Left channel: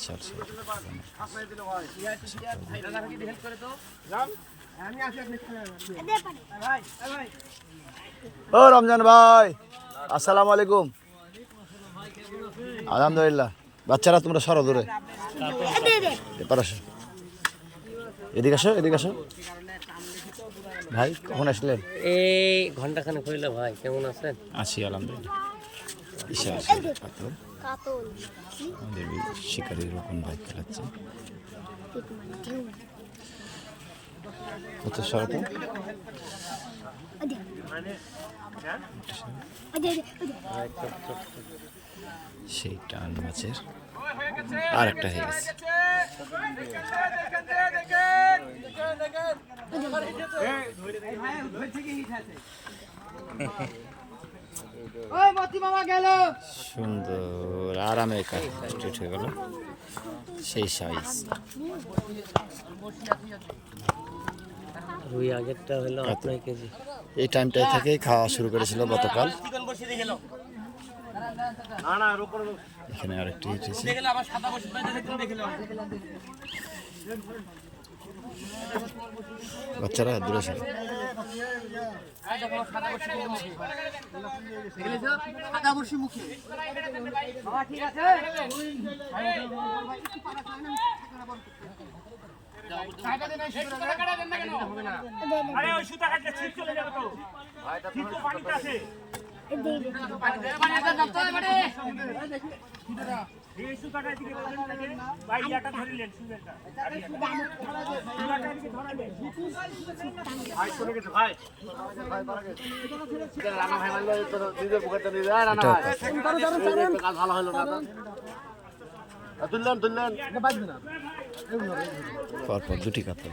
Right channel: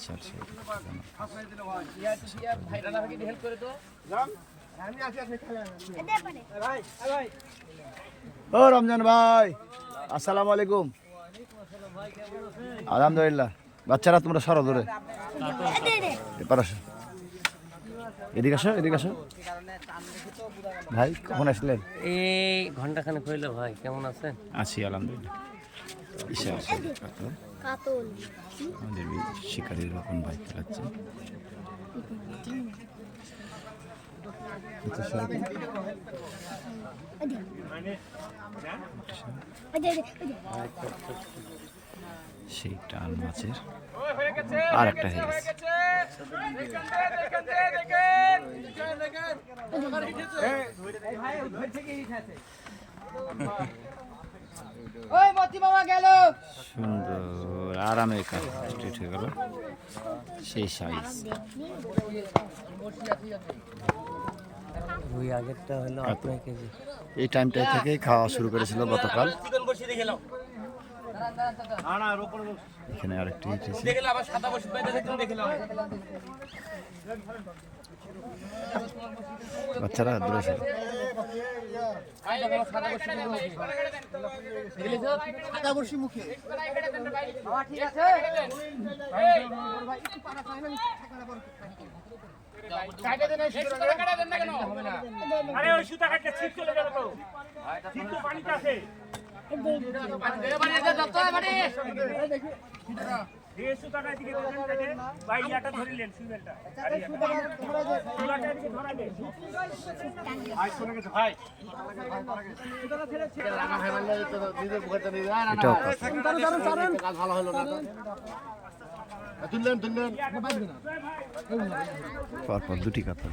বিশাল ও রমজান ভাই আসসালামু আলাইকুম। আলহামদুলিল্লাহ বাচ্চারা তোমরা সরো দূরে। এবার আসো। এদিকে আসো এদিকে আসো। ভাই কখন আসলেন? এই ঘণ্টা খানেক হইল ভাই কেমন আছেন? আছি আলহামদুলিল্লাহ। আমাদের এই শিকারির রকম বাইক চালাচ্ছে আচ্ছা সেই টান মাছের আর একটা হয়ে গেছে সুন্দর আরামে কমপ্লিট হয়ে গেল। সেই সাইজ রুই আগেরটা হলো আট নয় কেজি। এই টাইমটা থেকেই খাওয়া শুরু করেছিল গতকাল। এখানে আরেকটি এসেছে বাচ্চারা দূরে ছিল আরে ওই সুতা কাটতে ছিট চলে যাবে তো। ছিট তো পানিতে আছে। চলে গেছে ভাই এটাও কাতল। পরপর দুটি কাতল